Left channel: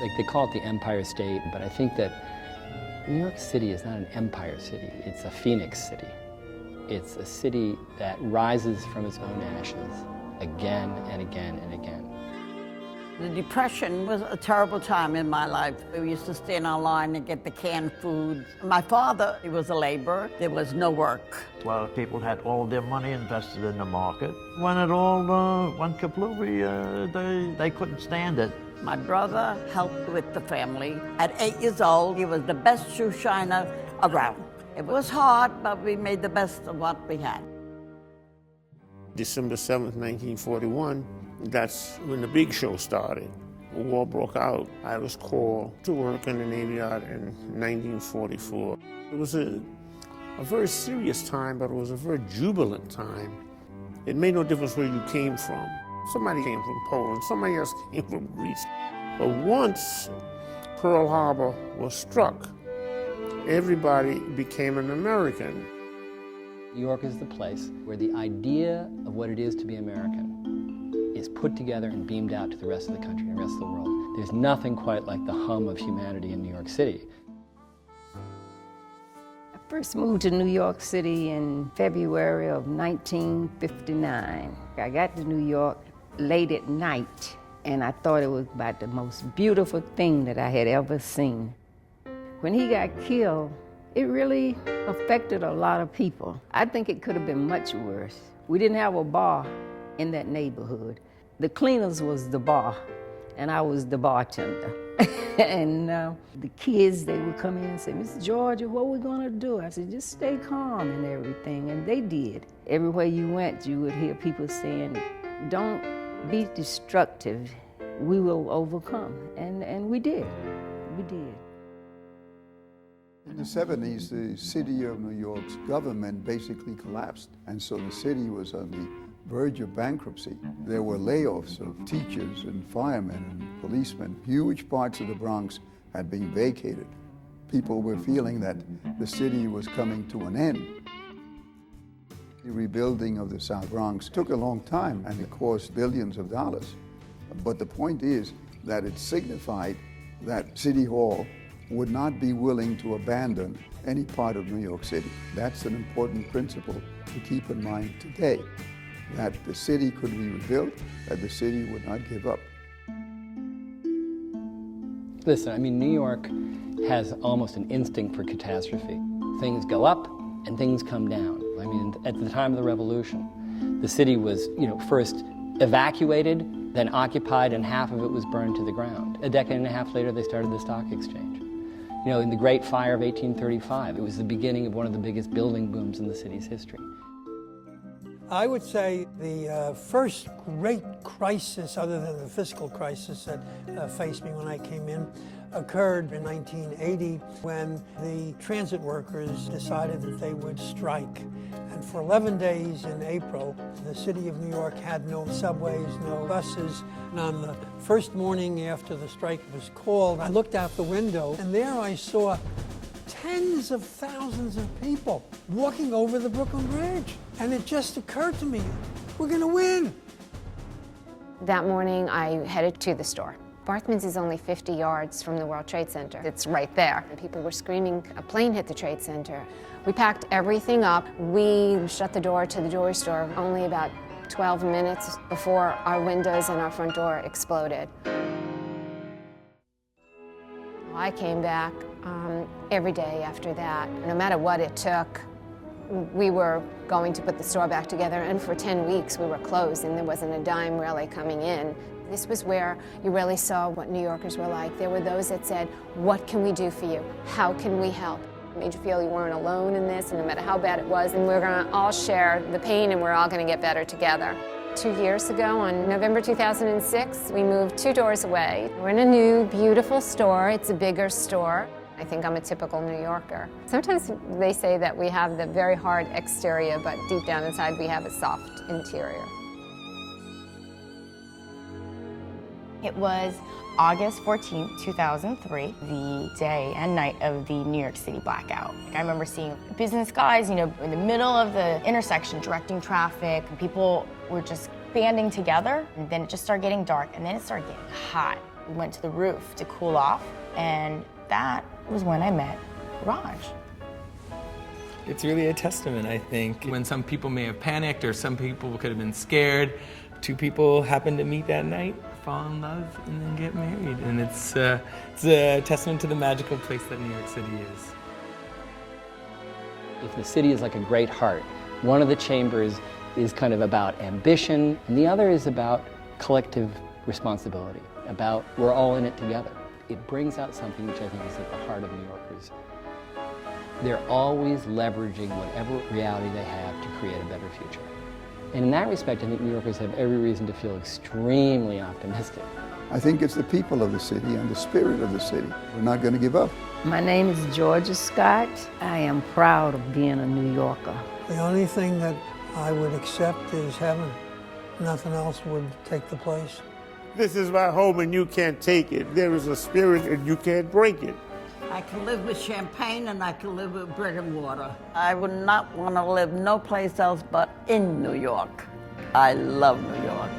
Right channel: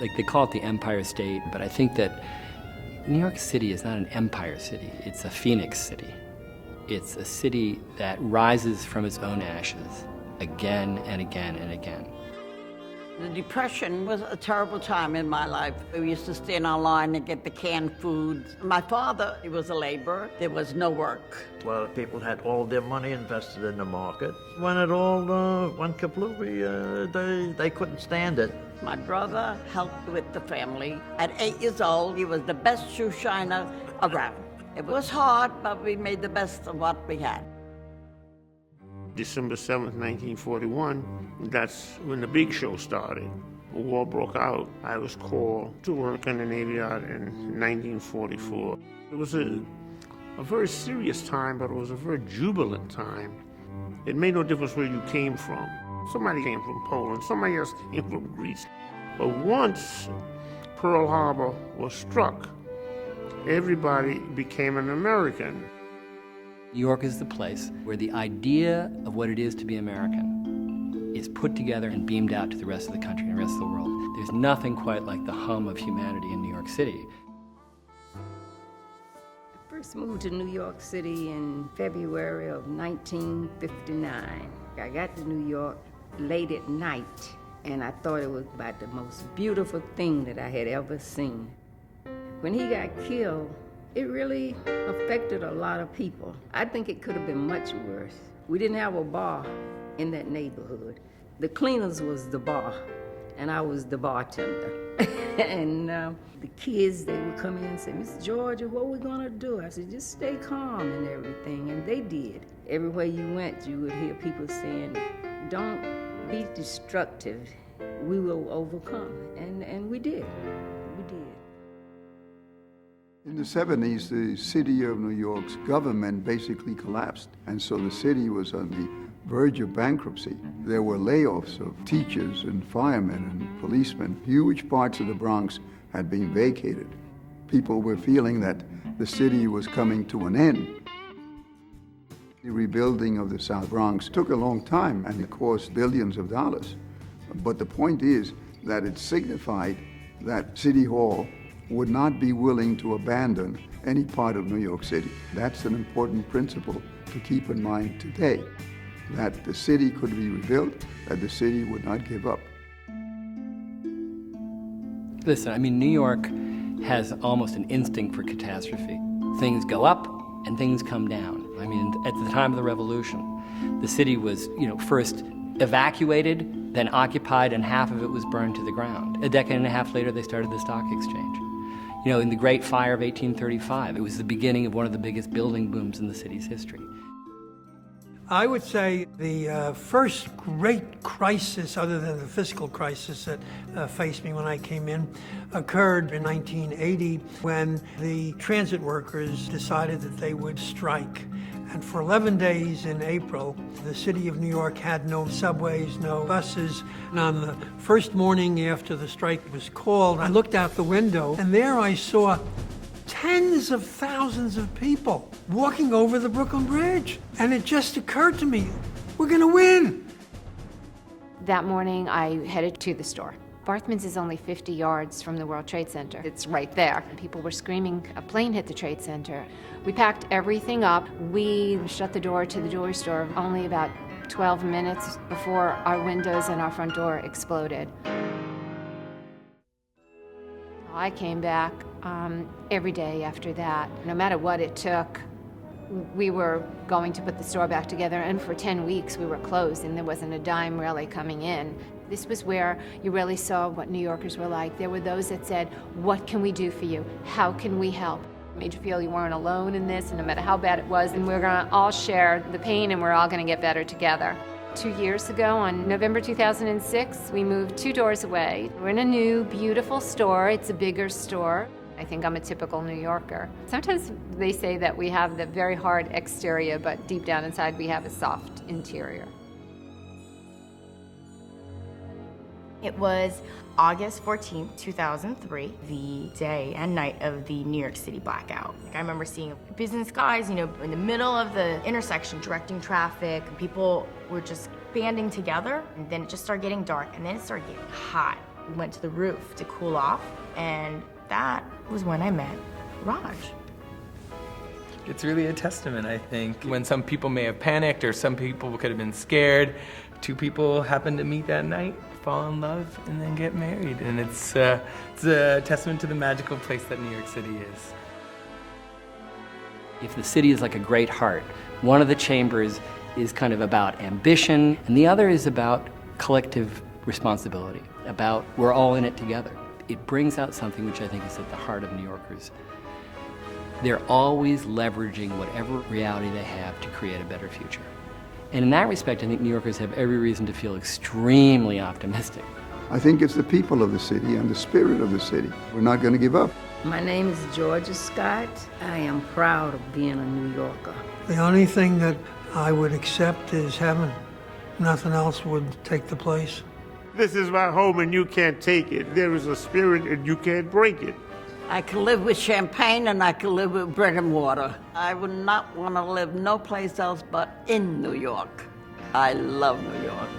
Like, they call it the Empire State, but I think that New York City is not an empire city. It's a phoenix city. It's a city that rises from its own ashes again and again and again. The Depression was a terrible time in my life. We used to stand in line and get the canned food. My father, he was a laborer. There was no work. Well, people had all their money invested in the market. When it all went kablooey, they couldn't stand it. My brother helped with the family. At 8 years old, he was the best shoe shiner around. It was hard, but we made the best of what we had. December 7th, 1941, that's when the big show started. The war broke out. I was called to work in the Navy Yard in 1944. It was a very serious time, but it was a very jubilant time. It made no difference where you came from. Somebody came from Poland, somebody else came from Greece. But once Pearl Harbor was struck, everybody became an American. New York is the place where the idea of what it is to be American is put together and beamed out to the rest of the country and the rest of the world. There's nothing quite like the hum of humanity in New York City. I first moved to New York City in February of 1959. I got to New York late at night, and I thought it was about the most beautiful thing that I had ever seen. When he got killed, it really affected a lot of people. I think it could have been much worse. We didn't have a bar in that neighborhood. The cleaners was the bar, and I was the bartender. And the kids, they would come in and say, Miss Georgia, what are we gonna do? I said, just stay calm and everything, and they did. Everywhere you went, you would hear people saying, don't be destructive, we will overcome. And we did, we did. In the 70s, the city of New York's government basically collapsed, and so the city was on the verge of bankruptcy. There were layoffs of teachers and firemen and policemen. Huge parts of the Bronx had been vacated. People were feeling that the city was coming to an end. The rebuilding of the South Bronx took a long time, and it cost billions of dollars. But the point is that it signified that City Hall would not be willing to abandon any part of New York City. That's an important principle to keep in mind today, that the city could be rebuilt, that the city would not give up. Listen, I mean, New York has almost an instinct for catastrophe. Things go up and things come down. I mean, at the time of the Revolution, the city was, first evacuated, then occupied, and half of it was burned to the ground. A decade and a half later, they started the stock exchange. In the Great Fire of 1835, it was the beginning of one of the biggest building booms in the city's history. I would say the first great crisis, other than the fiscal crisis that faced me when I came in, occurred in 1980 when the transit workers decided that they would strike. And for 11 days in April, the city of New York had no subways, no buses. And on the first morning after the strike was called, I looked out the window, and there I saw tens of thousands of people walking over the Brooklyn Bridge. And it just occurred to me, we're gonna win. That morning, I headed to the store. Brown-Inz is only 50 yards from the World Trade Center. It's right there. And people were screaming, a plane hit the Trade Center. We packed everything up. We shut the door to the jewelry store only about 12 minutes before our windows and our front door exploded. I came back every day after that. No matter what it took, we were going to put the store back together, and for 10 weeks we were closed and there wasn't a dime really coming in. This was where you really saw what New Yorkers were like. There were those that said, what can we do for you? How can we help? It made you feel you weren't alone in this, and no matter how bad it was, and we're gonna all share the pain and we're all gonna get better together. 2 years ago, on November 2006, we moved 2 doors away. We're in a new, beautiful store. It's a bigger store. I think I'm a typical New Yorker. Sometimes they say that we have the very hard exterior, but deep down inside we have a soft interior. It was August 14, 2003, the day and night of the New York City blackout. I remember seeing business guys, in the middle of the intersection directing traffic, and people were just banding together. And then it just started getting dark, and then it started getting hot. We went to the roof to cool off, and that was when I met Raj. It's really a testament, I think. When some people may have panicked or some people could have been scared, two people happen to meet that night, fall in love, and then get married. And it's a testament to the magical place that New York City is. If the city is like a great heart, one of the chambers is kind of about ambition, and the other is about collective responsibility, about we're all in it together. It brings out something which I think is at the heart of New Yorkers. They're always leveraging whatever reality they have to create a better future. And in that respect, I think New Yorkers have every reason to feel extremely optimistic. I think it's the people of the city and the spirit of the city. We're not going to give up. My name is Georgia Scott. I am proud of being a New Yorker. The only thing that I would accept is heaven. Nothing else would take the place. This is my home and you can't take it. There is a spirit and you can't break it. I could live with champagne and I could live with bread and water. I would not want to live no place else but in New York. I love New York.